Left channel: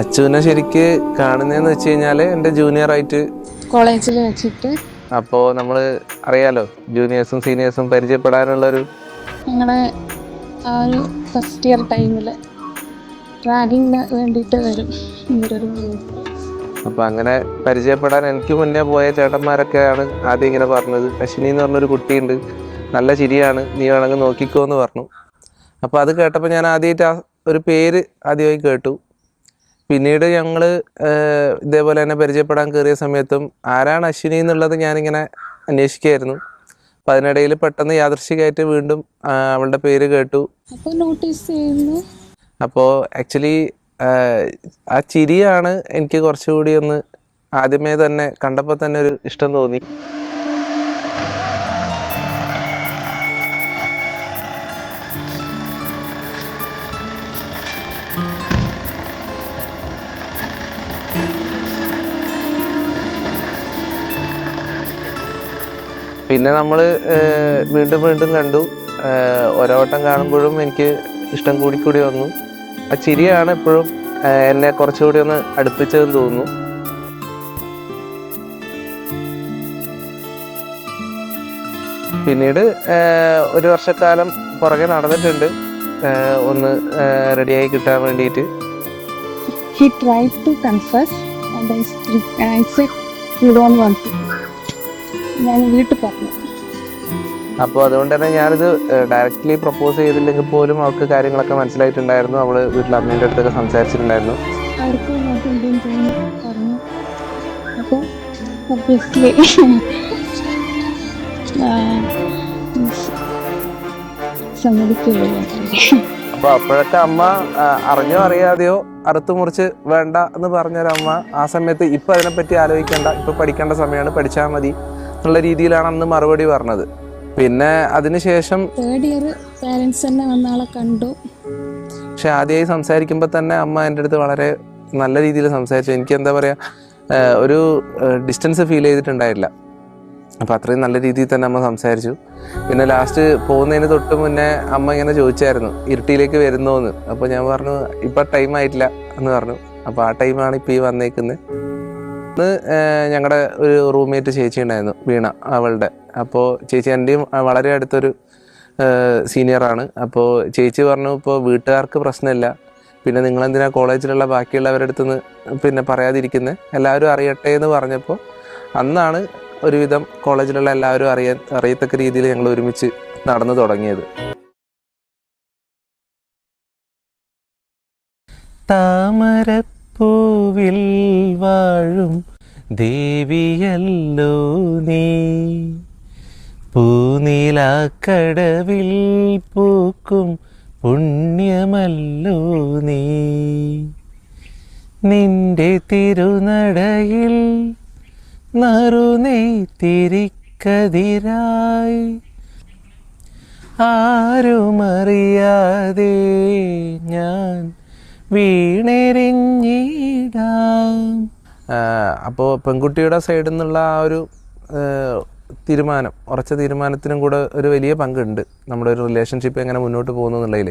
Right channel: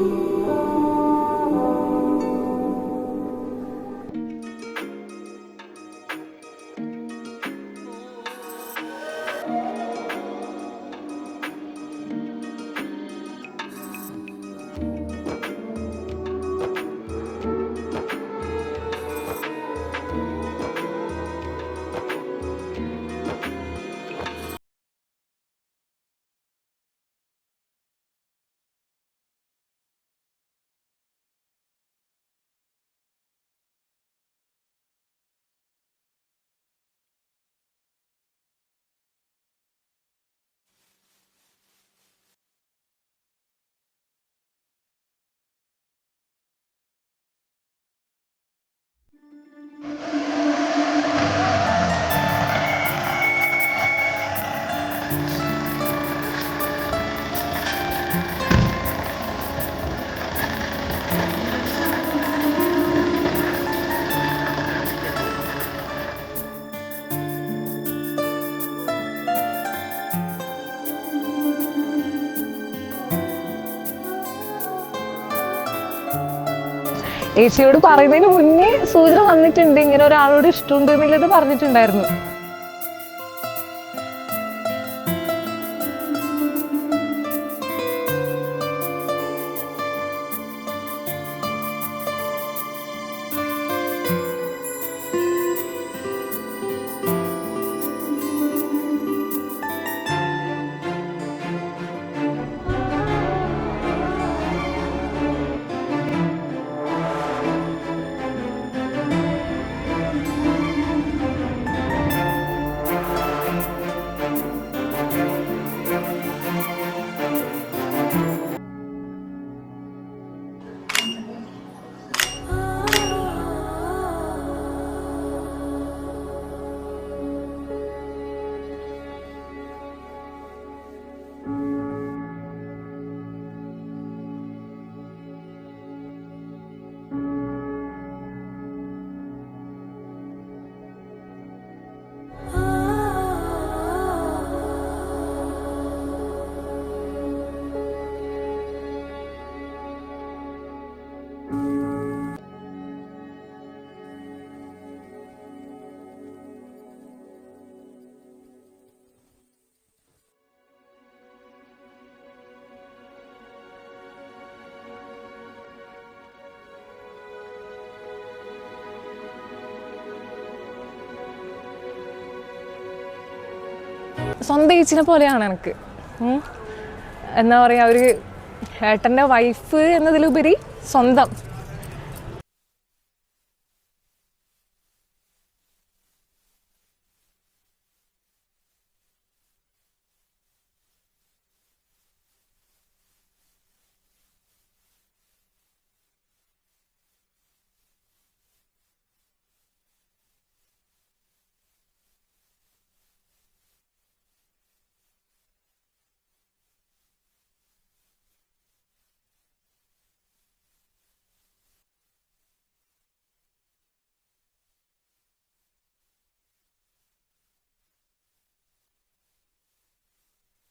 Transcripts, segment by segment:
അച്ചുവിനെ ശരിക്ക് കാണുന്നതെന്ന് വെച്ച് കഴിഞ്ഞാൽ എൻ്റെ ജൂനിയർ ആയിട്ട് കോളേജിൽ വെച്ചിട്ട്. അപ്പോൾ നമ്മൾ അറിയാലോ, ജൂനിയേഴ്സും സീനിയേഴ്സും പരിചയപ്പെടാനുള്ളൊരു ഞങ്ങളുടെ ആ ഒരു ഫസ്റ്റ് ഇയർ ടൈമിൽ റാഗിങ്ങിന് വേണ്ടിയിട്ട് വരും ഇവരൊരു. അപ്പോൾ അങ്ങനെ പരിചയപ്പെടാൻ എനിക്ക് മുന്നേ പോയ ചേട്ടന്മാരൊക്കെയാണ് ആദ്യം ഇങ്ങനെ പറഞ്ഞത്. അശ്വിനി എന്ന് പറഞ്ഞൊരു കുട്ടിയുണ്ട്, നല്ല ചിരിയാണ്, നീ വേണമെങ്കിൽ നോക്കിക്കോ എന്ന് പറഞ്ഞു. അപ്പോൾ അത് കേട്ടപ്പോൾ ഞാൻ ആദ്യമായിട്ട് ആ ഒരു പേര് ആദ്യമായി കേട്ടു. പിന്നീട് ഞങ്ങൾ ഇതേപോലെ തന്നെ പരിചയപ്പെടാൻ കയറിയ സമയത്തും ആരാണ് അശ്വിനി എന്നുള്ളത് ഞാനിങ്ങനെ അന്വേഷിക്കുകയായിരുന്നു. അപ്പം അതിനിടയിൽ പെട്ടെന്ന് യാദൃശ്ചികമായിട്ട് വീണ്ടും അവളുടെ പേര് കേട്ടു. അപ്പോൾ നോട്ടീസ് ചെയ്യുന്നു. അപ്പോൾ ആക്ച്വലി ആ ചിരിയാണ് എനിക്ക് കുറച്ചുകൂടി ഒന്ന് ആദ്യമേ തന്നെ കണ്ടപ്പോൾ തന്നെ ഒരു ഇഷ്ടം തോന്നി. പിന്നെ നമ്മൾ വീണ്ടും വീണ്ടും കണ്ടു. ഓരോ വട്ടം കാണുമ്പോഴും എനിക്ക് ഇഷ്ടം കൂടിക്കൂടി വന്നു. ആ ചിരിയാണ് എപ്പോഴും എന്നെ കുറച്ചുകൂടി ഒന്ന് അടുപ്പിച്ചതെന്ന് തോന്നുന്നു. ഏച്ചിയോട് പറയുന്നതിന് മുന്നേ സൂചന വന്നിട്ടുണ്ട്, ഇങ്ങനെ ഒരാളോട് ഇഷ്ടമുണ്ട് എന്നുള്ളത് പറഞ്ഞിട്ടുണ്ടായിരുന്നു. പിന്നീട് ഒരു വർഷക്കാലം പുറകെ നടന്നിട്ടുണ്ട് ഒന്ന് റെഡിയായി കിട്ടാൻ വേണ്ടിയിട്ട്. He tried to confess and I said you don't want to. ഞാൻ വീട്ടിൽ പറഞ്ഞു. അപ്പോൾ അതുകൊണ്ട് തന്നെ ഞാനിത് ഡയറക്റ്റ്ലി പ്രപ്പോസ് ചെയ്തില്ലെങ്കിൽ പോലും അവൾക്ക് കാര്യങ്ങളൊക്കെ മനസ്സിലായിട്ടുണ്ടായിരുന്നു. അവൾ വീട്ടിൽ അമ്മയുടെ അടുത്തൊക്കെ സംസാരിച്ചിട്ടുണ്ടായിരുന്നു. അപ്പോൾ അപ്പോഴൊക്കെ അമ്മ അറിഞ്ഞോ അറിയാതെയോ അറുത്തു മുറിച്ച് വേണ്ട എന്ന് പറഞ്ഞൊരമ്മ ആ സമയത്ത് ഇപ്പം അതിനെപ്പറ്റി ആലോചിക്കേണ്ട, ഇപ്പം പഠിക്കേണ്ട സമയമാണ്, പഠിച്ചാൽ മതി എന്നുള്ള രീതിയിലാണ് അന്ന് മറുപടി പറഞ്ഞത്. പിന്നെ അതിനുശേഷം പേരൻസ് തന്നെ വന്നാളെ കണ്ടു. പക്ഷെ ആദ്യമായി സംസാരിക്കുമ്പോൾ തന്നെ അമ്മ എൻ്റെ അടുത്ത് വളരെ നല്ല രീതിയിൽ സംസാരിച്ചു. എനിക്ക് എന്താ പറയുക, ഒരു ഡിസ്റ്റൻസ് ഫീൽ ചെയ്തിട്ടുണ്ടായില്ല. അപ്പോൾ അത്രയും നല്ല രീതിയിൽ തന്നെ അമ്മ സംസാരിച്ചു. പിന്നെ ലാസ്റ്റ് പോകുന്നതിന് തൊട്ട് മുന്നേ അമ്മ ഇങ്ങനെ ചോദിച്ചായിരുന്നു ഇരുട്ടിയിലേക്ക് വരുന്നോ എന്ന്. അപ്പോൾ ഞാൻ പറഞ്ഞു ഇപ്പം ടൈം ആയിട്ടില്ല എന്ന് പറഞ്ഞു. അപ്പോൾ ആ ടൈമാണ് ഇപ്പോൾ ഈ വന്നേക്കുന്നത്. അന്ന് ഞങ്ങളുടെ ഒരു റൂംമേറ്റ് ചേച്ചി ഉണ്ടായിരുന്നു, വീണ അവളുടെ. അപ്പോൾ ചേച്ചി എൻ്റെയും വളരെ അടുത്തൊരു സീനിയറാണ്. അപ്പോൾ ചേച്ചി പറഞ്ഞു ഇപ്പോൾ വീട്ടുകാർക്ക് പ്രശ്നമില്ല, പിന്നെ നിങ്ങളെന്തിനാ കോളേജിലുള്ള ബാക്കിയുള്ളവരുടെ അടുത്ത് നിന്ന് പിന്നെ പറയാതിരിക്കുന്നത്, എല്ലാവരും അറിയട്ടെ എന്ന് പറഞ്ഞപ്പോൾ അന്നാണ് ഒരുവിധം കോളേജിലുള്ള എല്ലാവരും അറിയത്തക്ക രീതിയിൽ ഞങ്ങൾ ഒരുമിച്ച് നടന്നു തുടങ്ങിയത്. സ്വന്തം ഏച്ചിനെ പോലെയാണ് എനിക്ക്. എന്താ പറയാ, ഒരു വൈഫ് എന്നതിലുപരി സ്വന്തം. വാഴും ദേവിയല്ലോ നീ, പൂനീലാക്കടവിൽ പൂക്കും പുണ്യമല്ലോ നീ, നിന്റെ തിരുനടയിൽ നറുനെയ്ത്തിരിക്കതിരായി ആരുമറിയാതെ ഞാൻ വീണെറിഞ്ഞിടാം. അപ്പോൾ പെൺകുട്ടിയുടെ സൈഡിൽ നിന്നുള്ള ആ ഒരു തീരുമാനം, ഉറച്ച തീരുമാനത്തിനും കൂടെ ഒരു വലിയ പങ്കുണ്ട് നമ്മുടെ ഒരു റിലേഷൻഷിപ്പ് എങ്ങനെ മുന്നോട്ട് പോകുന്നു എന്നുള്ളതിൽ.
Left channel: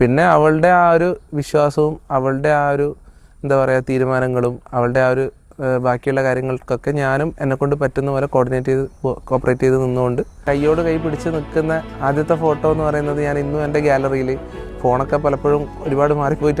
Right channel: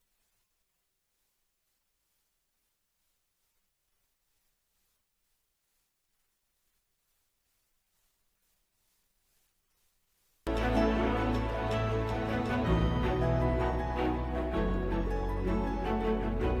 പിന്നെ അവളുടെ ആ ഒരു വിശ്വാസവും അവളുടെ ആ ഒരു എന്താ പറയുക തീരുമാനങ്ങളും അവളുടെ ആ ഒരു ബാക്കിയുള്ള കാര്യങ്ങൾക്കൊക്കെ ഞാനും എന്നെക്കൊണ്ട് പറ്റുന്ന പോലെ കോപ്പറേറ്റ് ചെയ്ത് നിന്നുകൊണ്ട് കൈയോട് കൈ പിടിച്ച് നിൽക്കുന്ന ആദ്യത്തെ ഫോട്ടോ എന്ന് പറയുന്നത് ഞാൻ ഇന്നും എൻ്റെ ഗാലറിയിൽ, ഫോണൊക്കെ പലപ്പോഴും ഒരുപാട് മാറിപ്പോയിട്ട്